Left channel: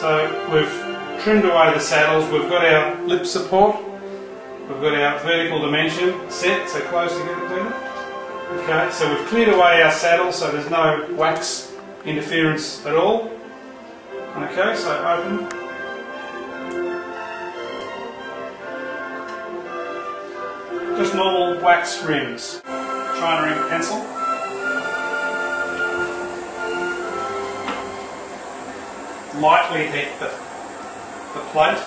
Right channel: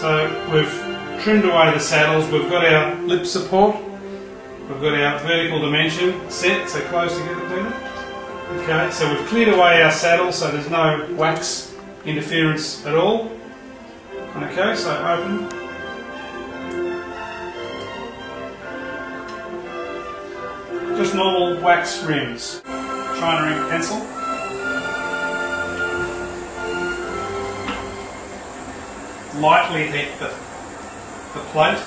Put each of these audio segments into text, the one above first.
So we've trimmed away the saddles, we've got our lip support, we've got our vertical dimension set, so close together, Peter. Okay, so we've cleared away our saddle so there's no wax interference at all. Okay, so open. Just normal wax rims. China ink pencil. Lightly heat the plate.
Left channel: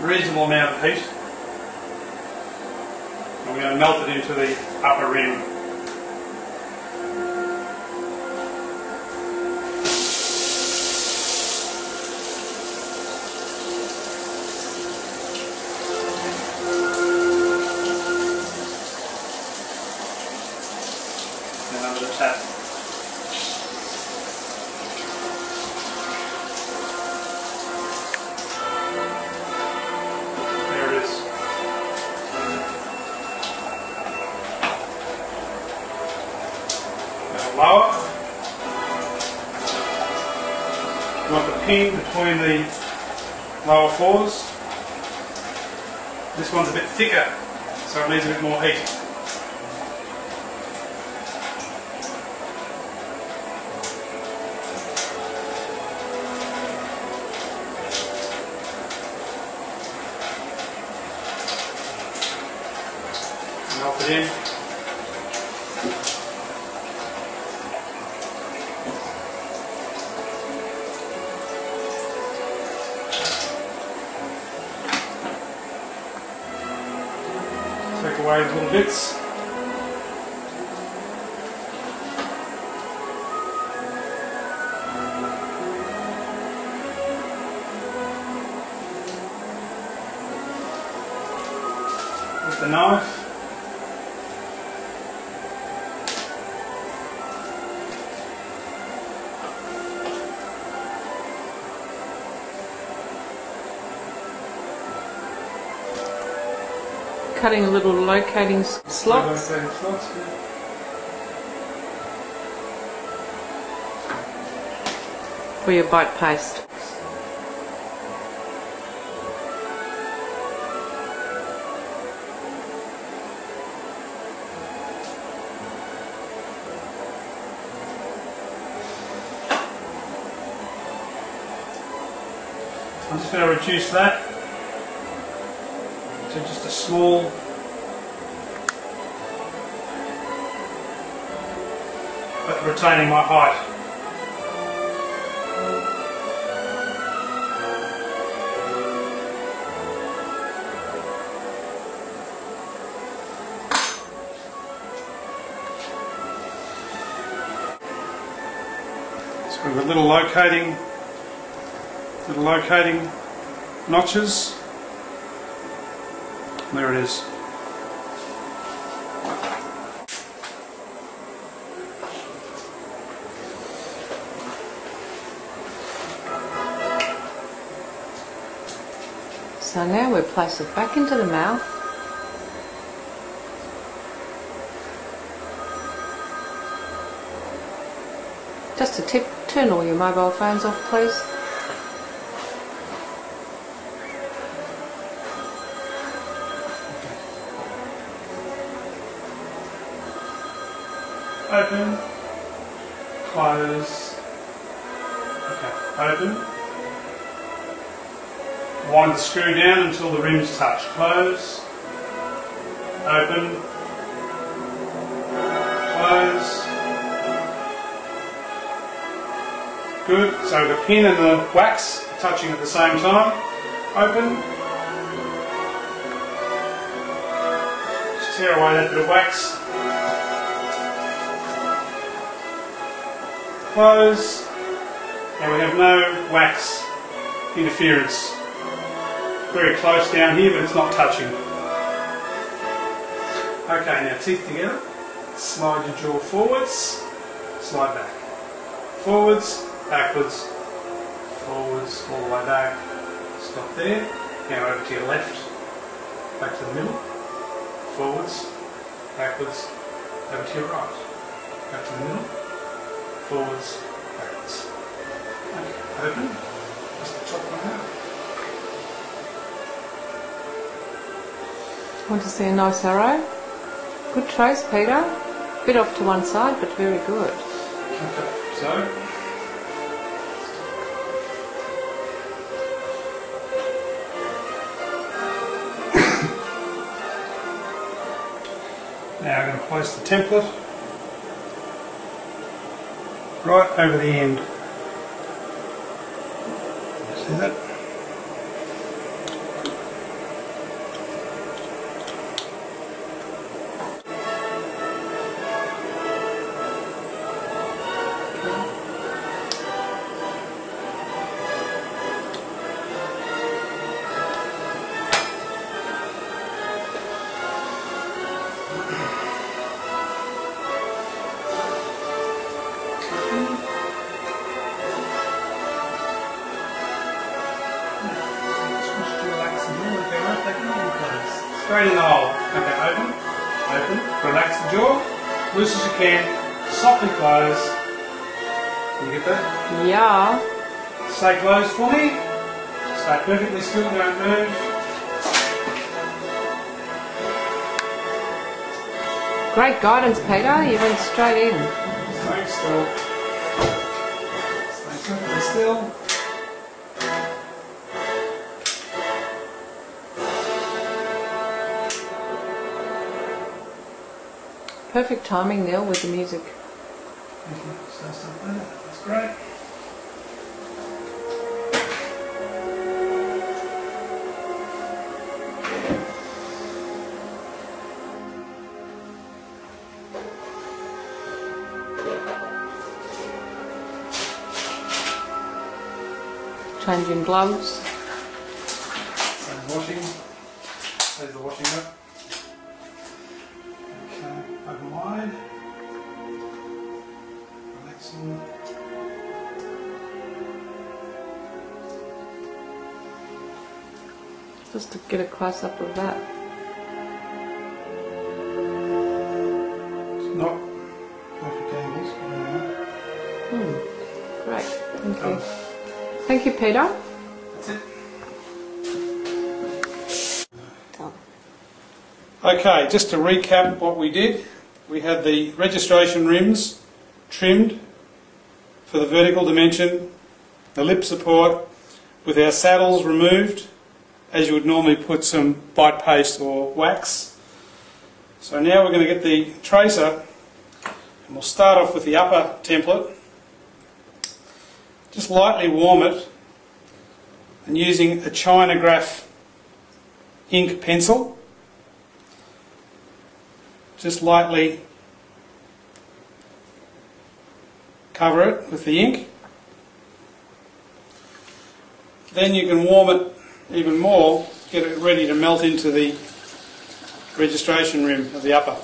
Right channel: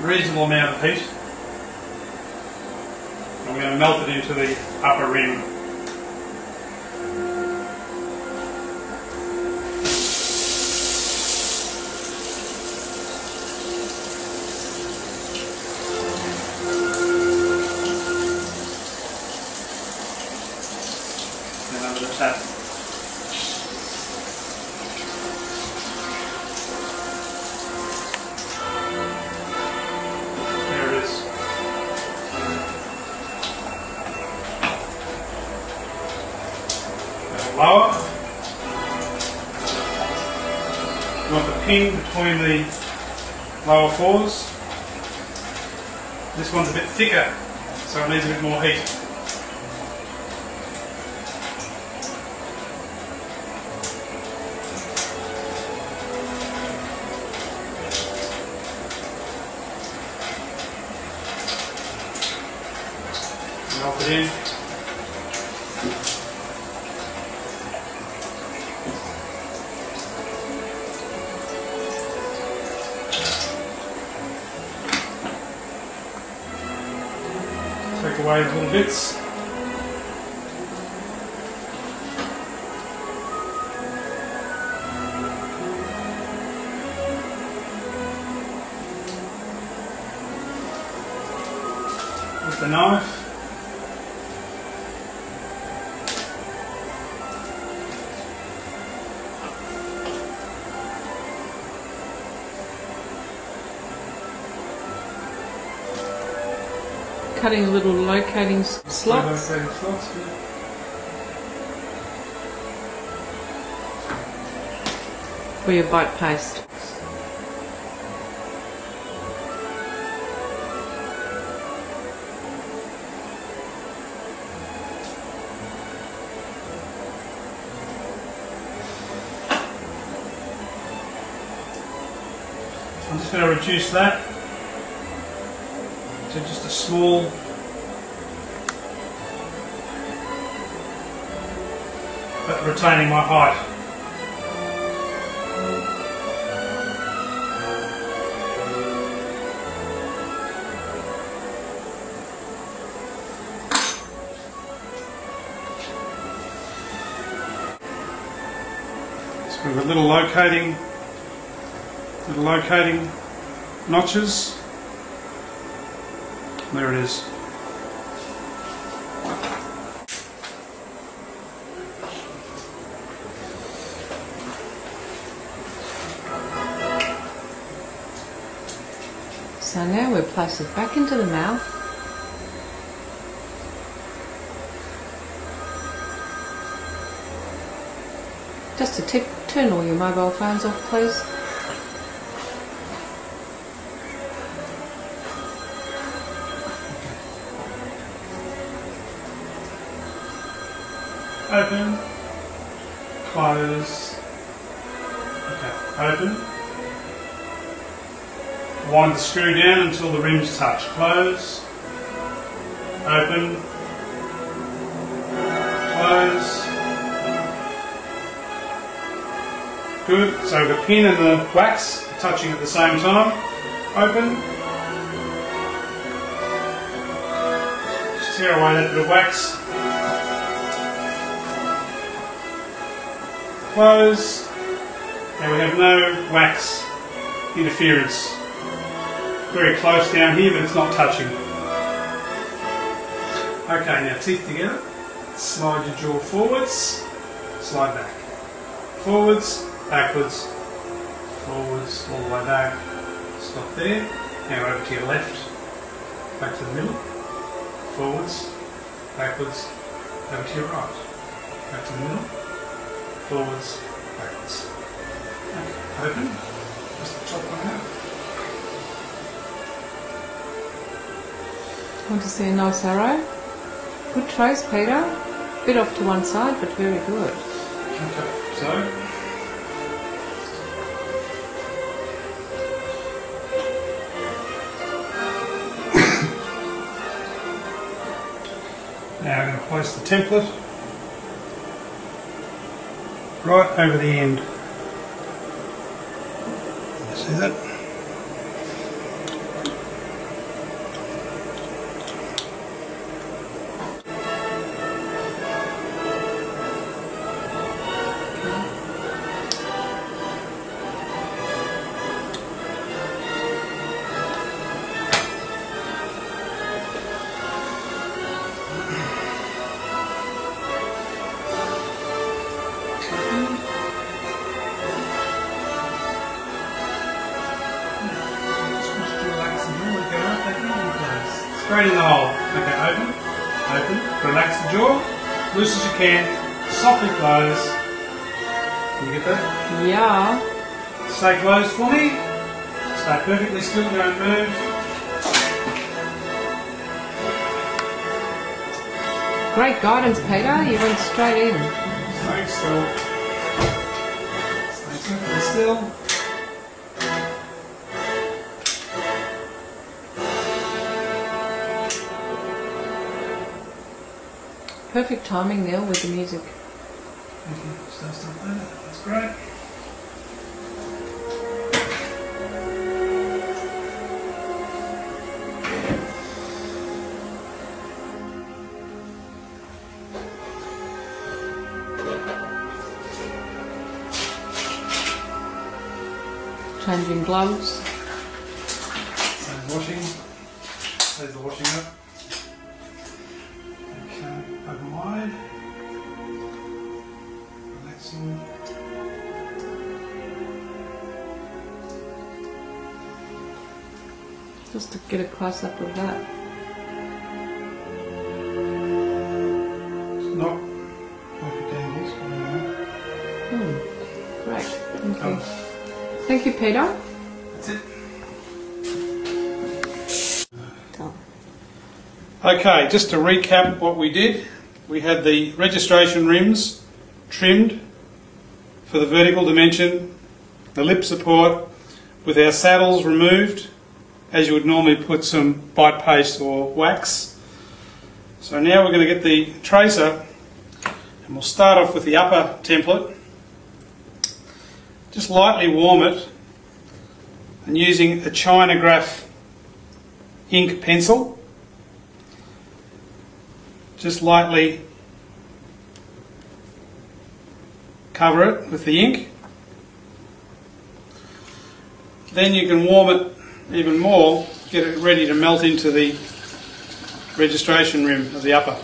Reasonable amount of heat. I'm going to melt it into the upper rim. And under the tap. Lower. You want the pin between the lower fours. This one's a bit thicker, so it needs a bit more heat. Melt it in. Take away the little bits. With the knife. Cutting little locating slots. Locating slots, yeah. For your bite paste. I'm just going to reduce that to just a small but retaining my height. So we've got little locating notches. There it is. So now we place it back into the mouth. Just a tip, turn all your mobile phones off, please. Open, close, okay, open, wind the screw down until the rims touch, close, open, close, good, so the pin and the wax are touching at the same time, open, just tear away that bit of wax, close, and we have no wax interference. Very close down here, but it's not touching. Okay, now teeth together. Slide your jaw forwards, slide back. Forwards, backwards, forwards, all the way back, stop there. Now over to your left, back to the middle, forwards, backwards, over to your right, back to the middle, forwards, backwards. Okay, open, just the top one out. Want to see a nice arrow? Good trace, Peter. Bit off to one side, but very good. Okay, so now I'm going to place the template right over the end. See that? Straight in the hole. Okay, open, open, relax the jaw, loose as you can, softly close. Can you get that? Yeah. Stay closed for me. Stay perfectly still, don't move. Great guidance, Peter. You went straight in. Stay still. Stay perfectly still. Perfect timing, Neil, with the music. Thank you. Stay still there. That's great. Changing gloves. So washing. There's the washing up. Okay, open wide. Relaxing. Just to get a close up of that. It's not perfect angles, but anyway. Great. Thank you. Thank you, Peter. That's it. Done. Okay, just to recap what we did, we had the registration rims trimmed for the vertical dimension, the lip support with our saddles removed, as you would normally put some bite paste or wax. So now we're going to get the tracer, and we'll start off with the upper template. Just lightly warm it, and using a Chinograph ink pencil, just lightly cover it with the ink. Then you can warm it even more, get it ready to melt into the registration rim of the upper.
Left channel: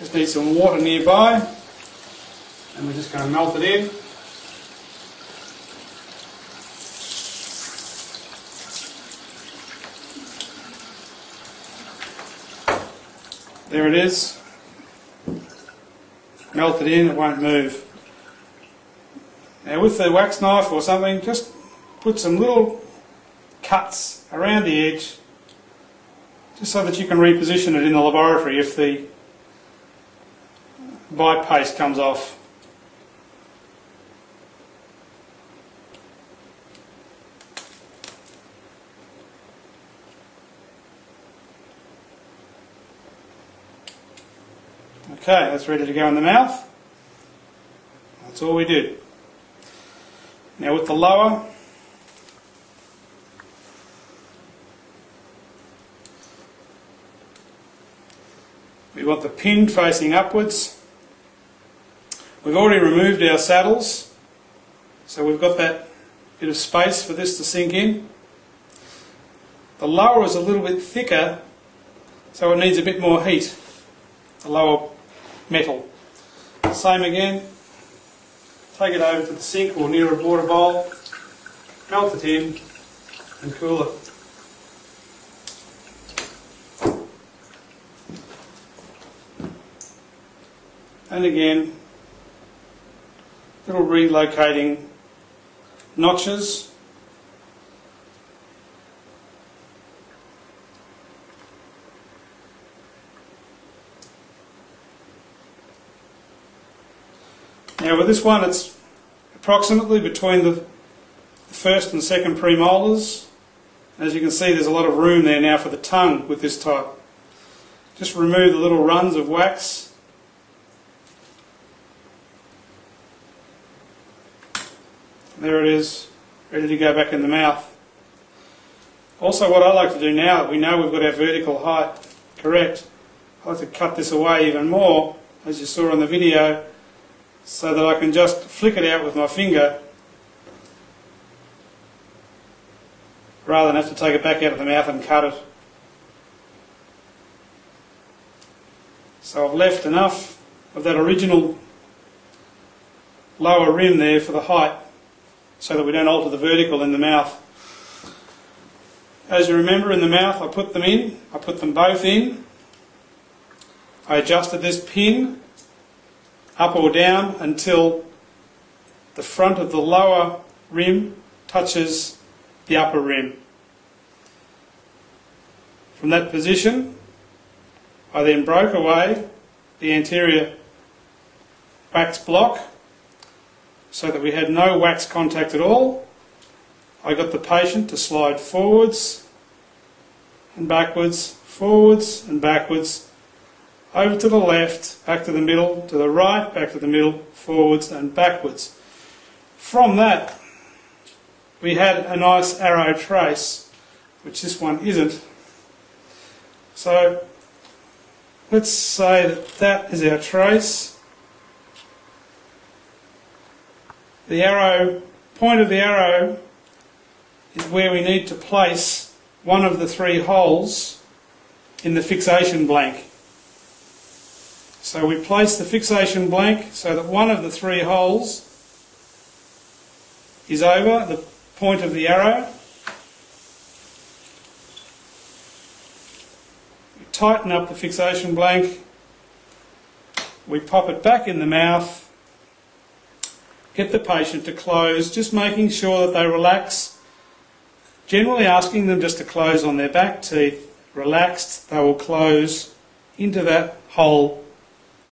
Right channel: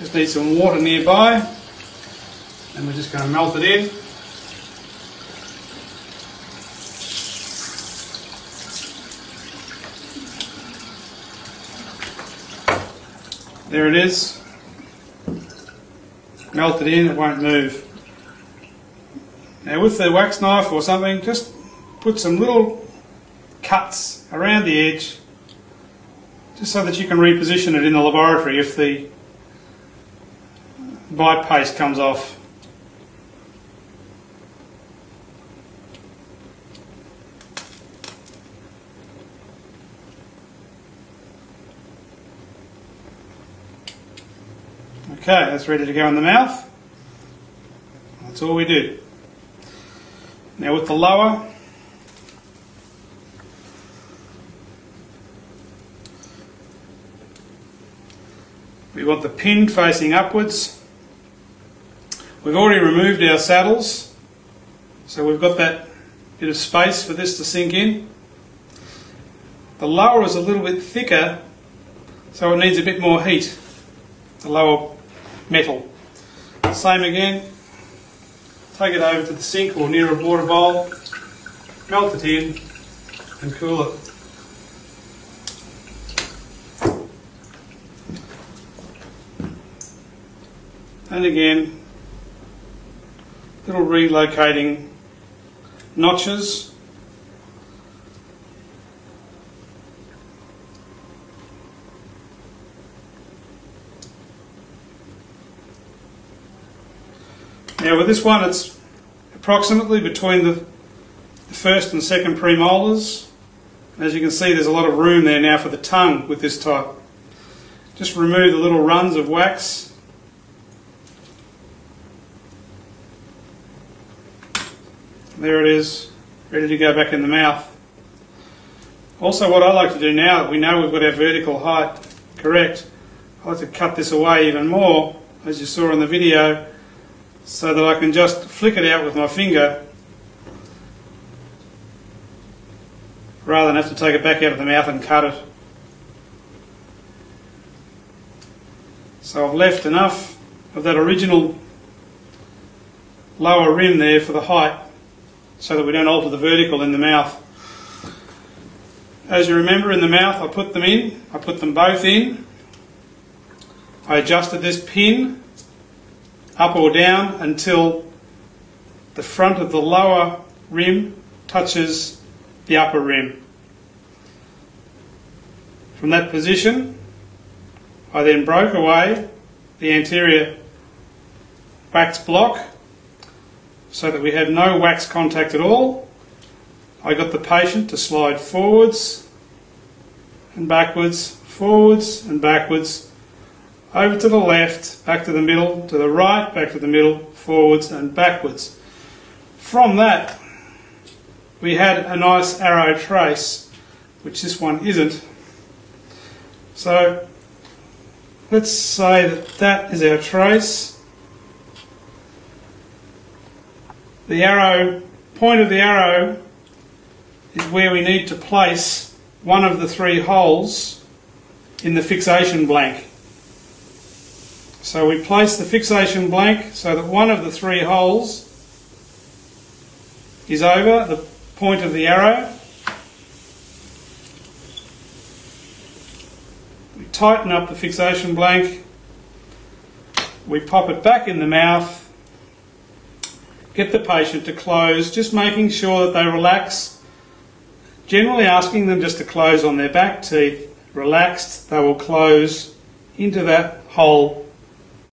Just need some water nearby, and we're just going to melt it in. There it is. Melt it in, it won't move. Now with the wax knife or something, just put some little cuts around the edge, just so that you can reposition it in the laboratory if the bite paste comes off. Okay, that's ready to go in the mouth. That's all we did. Now with the lower, we want the pin facing upwards. We've already removed our saddles, so we've got that bit of space for this to sink in. The lower is a little bit thicker, so it needs a bit more heat, the lower metal. Same again, take it over to the sink or near a water bowl, melt it in and cool it. And again, little relocating notches. Now with this one, it's approximately between the first and second premolars. As you can see, there's a lot of room there now for the tongue with this type. Just remove the little runs of wax. There it is, ready to go back in the mouth. Also, what I like to do now, we know we've got our vertical height correct, I like to cut this away even more, as you saw in the video, so that I can just flick it out with my finger rather than have to take it back out of the mouth and cut it. So I've left enough of that original lower rim there for the height, so that we don't alter the vertical in the mouth. As you remember, in the mouth I put them both in. I adjusted this pin up or down until the front of the lower rim touches the upper rim. From that position, I then broke away the anterior wax block so that we had no wax contact at all. I got the patient to slide forwards and backwards, forwards and backwards, over to the left, back to the middle, to the right, back to the middle, forwards and backwards. From that, we had a nice arrow trace, which this one isn't. So let's say that that is our trace. The arrow, point of the arrow is where we need to place one of the three holes in the fixation blank. So we place the fixation blank so that one of the three holes is over the point of the arrow. We tighten up the fixation blank, we pop it back in the mouth, get the patient to close, just making sure that they relax, generally asking them just to close on their back teeth. Relaxed, they will close into that hole